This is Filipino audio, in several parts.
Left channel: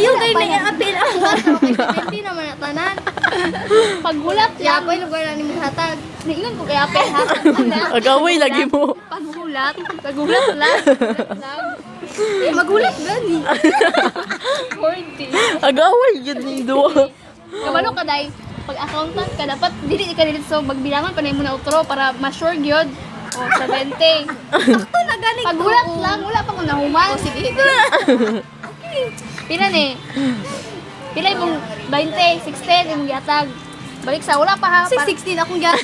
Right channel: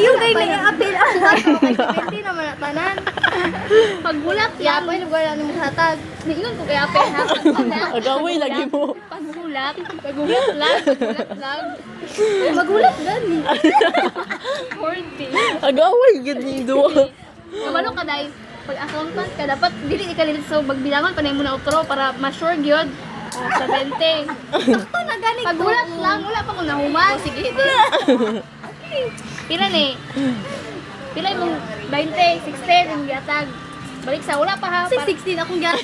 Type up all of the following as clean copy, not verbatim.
Ayaw kayo na i-apil ako. Hindi naman tanan. Paghulat Ya, lang. boy, lugar na ni mo hatag. Ningon ko kaya pe ha. Agaway lagi mo. Paghulat lang. Paghulat lang. Magulat gani. 40. Agaway yun ni duwa. Kabalo ka dai pag accountant ka dapat dili ka dito sa magbilangan panay mo na utro para ma-sure gyud. O 70. Ito na gani. Paghulat lang wala pa ko nahuman. Sige. Pila ni? Pila imong 20, 16 imong gihatag. Balik sa wala pa ha. Si 16 akong gyat.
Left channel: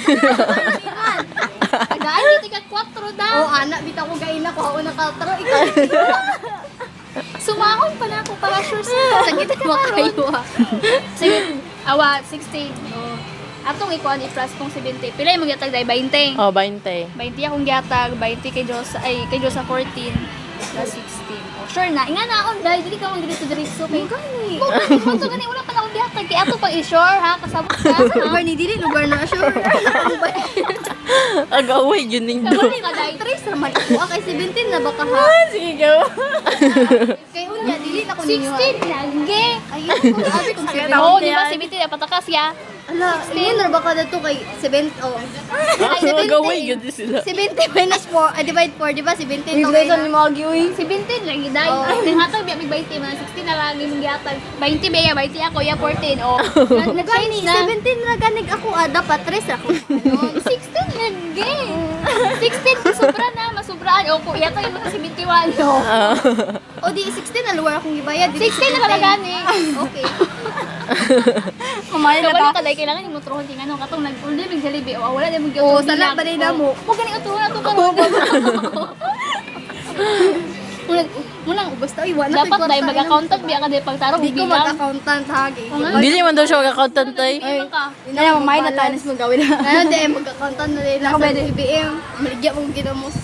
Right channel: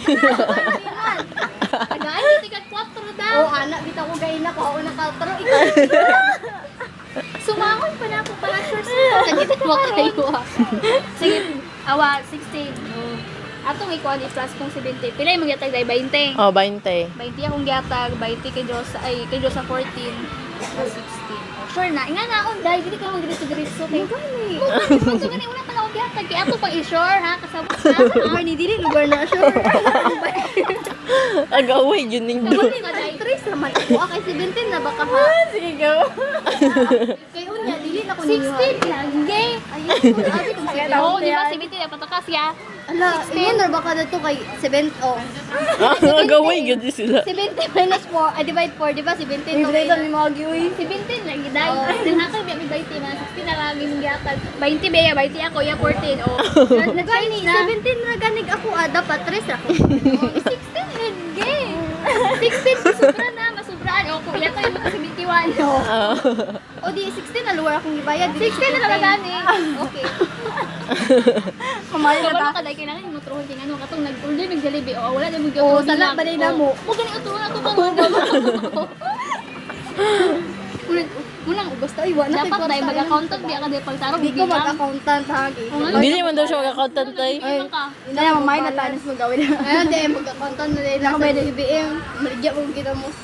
Pagay di ka 4 daw. Oh, anak bitaw ko gay na ko una ka pero ikaw. Sumamon pa na ako para sure sa Sakit mo kayo. sige. Awa 16. Oh. Atong ikuan i-plus kong 70. Pila imong gihatag dai 20. Oh, 20. 20 akong gihatag, 20 kay Diyos, ay kay Diyos sa 14, plus 16. Oh, sure na, inga na akong dahil dili ka mong dili diretso kay kung to gani wala pa na akong gihatag kay ato pang i-sure ha kasabot ka. Lugar ni dili lugar na sure. Agaway yun ni Kabalo duwa. nga dai. Trace naman. Okay, 17 na baka ha. Sige, go. Kay unya dili na ko ninyo. 16 lagi. Ayun, sabi ko Oo, di ba 17 na patakas ya. Ala, yun na baka dito kay 7 oh. Agaway yun din sila. 70 minus 4, divide 4, di ba? 17 okay. ni mga giwi. 17 lagi dai. Then hatag biya mi 20 na 16 na lagi mong gihatag. 20 biya 20 ako ya 14. Oh. Gani, Na-change na. 17 na ganig ako, dapat 3 ako. 16 lagi. 16 sobra na, masubraan. O kung yata yung mga 71. O. O di, 16 na lugar akong ibayad. 16 na lang gani. Okay. Kumain na ta. Kabalo ka kailangan yung motrohon din ano katong nag-order ng Jollibee o wala na mong Oo, tala, balay na mo. Mo gani utuhan ako ka. Munang Gusto, iwan na. dapat dahil mag-accountant biya ka dahil pagtarong Di ko bilang. mag-accountant, hagi. Dili man daw siya mag-accountant tay. Ay, ka. Hindi na, mamay na tanis mong gawin na. Ano, di, mag-accountant na rin. Nakabayad ng IBM. Maligyan mong ginamos.